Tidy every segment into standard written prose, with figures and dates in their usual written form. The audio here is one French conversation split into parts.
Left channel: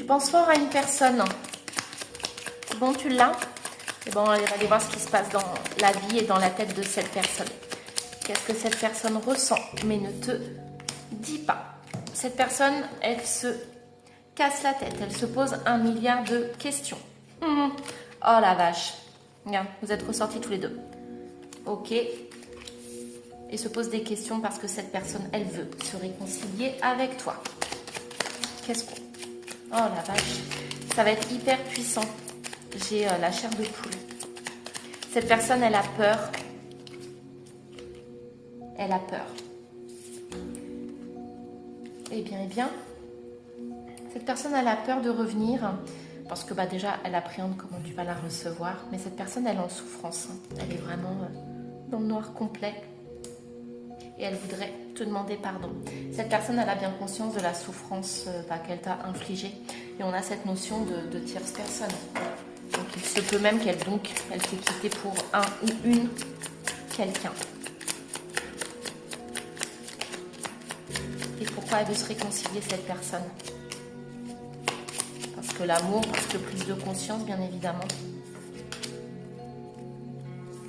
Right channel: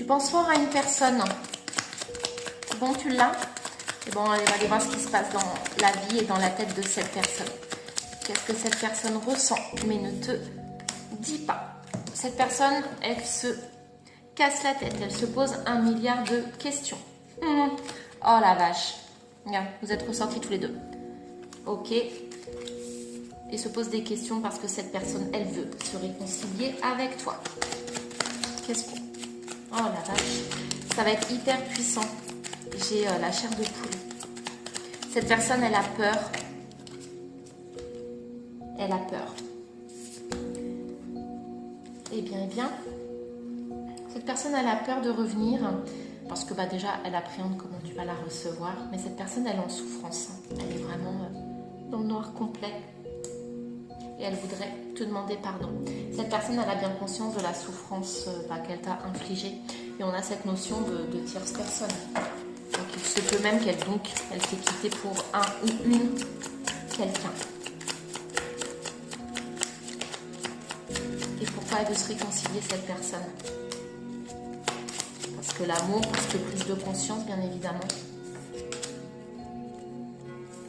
Tu penses fort à une personne. Bon, tu l'as. Et bon, on va aller voir ce qui se passe dans la vie et dans la tête de cette personne. Qu'est-ce que cette personne ressent, mais ne te dit pas. Cette personne, elle se casse la tête. Elle se pose 1 milliard de questions. Oh la vache. Regarde, vous êtes ressortis tous les deux. Ok. Et se pose des questions parce que cette personne, elle veut se réconcilier avec toi. Qu'est-ce qu'on... Oh la vache. Ça va être hyper puissant. J'ai la chair de poule. Cette personne, elle a peur. Elle a peur. Eh bien. Cette personne, elle a peur de revenir. Parce que déjà, elle appréhende comment tu vas la recevoir. Mais cette personne, elle est en souffrance. Elle est vraiment dans le noir complet. Et elle voudrait te demander pardon. Cette personne, elle a bien conscience de la souffrance qu'elle t'a infligée. Et on a cette notion de tierce personne. Donc il se peut même qu'elle t'ait quitté pour un ou une quelqu'un. Et pourquoi elle veut se réconcilier, cette personne? Parce que l'amour, parce que prise de conscience, bien évidemment.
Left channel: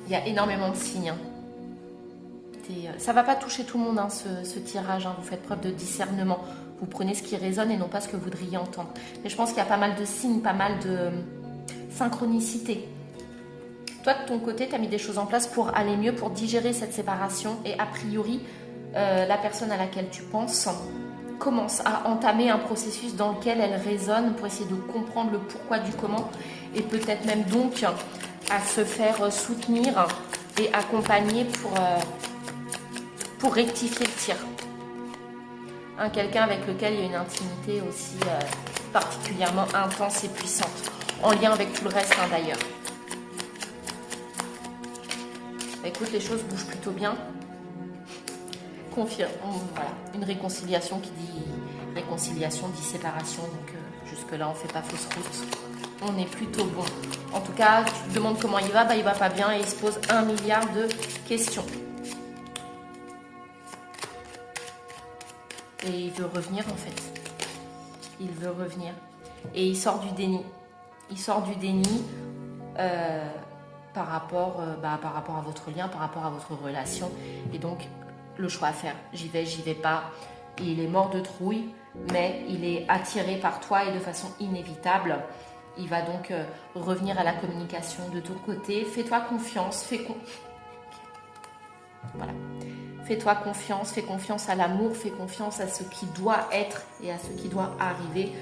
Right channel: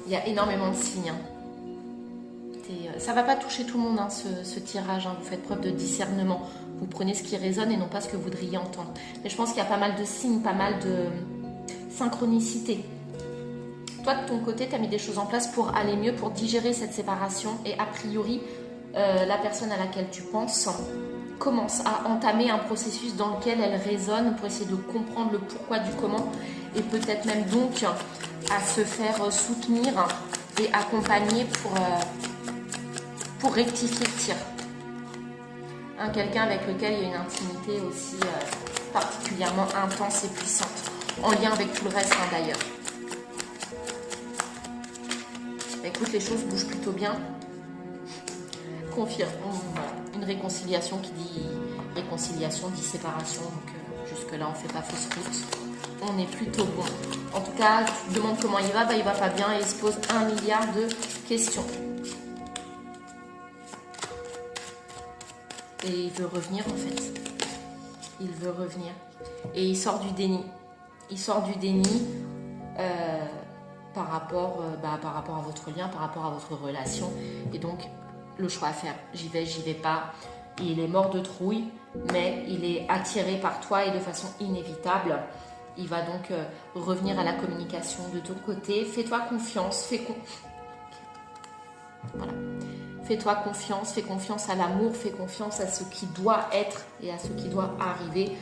Il y a énormément de signes. Ça ne va pas toucher tout le monde, ce tirage. Vous faites preuve de discernement. Vous prenez ce qui résonne et non pas ce que vous voudriez entendre. Mais je pense qu'il y a pas mal de signes, pas mal de synchronicité. Toi, de ton côté, tu as mis des choses en place pour aller mieux, pour digérer cette séparation. Et a priori, la personne à laquelle tu penses commence à entamer un processus dans lequel elle résonne pour essayer de comprendre le pourquoi du comment. Et peut-être même donc à se faire soutenir et accompagner pour rectifier le tir. Quelqu'un avec lequel il y a une intimité aussi particulièrement intense et puissante, en lien avec tout le reste d'ailleurs. Écoute, les choses bougent plutôt bien. Confirme, voilà. Une réconciliation qui dit réconciliation dit séparation, donc jusque-là on ne fait pas fausse route. On est plutôt bon. En tout cas, tu te demandes comment il va pas bien et il se pose 1 milliard de questions. Et il veut revenir en fait. Il veut revenir. Et il sort du déni. Il sort du déni par rapport à votre lien, par rapport à votre relation. Et donc, le choix à faire. J'y vais pas. Il est mort de trouille, mais il est attiré par toi et de façon inévitable. Il va donc revenir à la communication de ton côté. Fais-toi confiance. Voilà. Fais-toi confiance, fais confiance à l'amour, fais confiance à ce qui doit être et à ce qui doit arriver.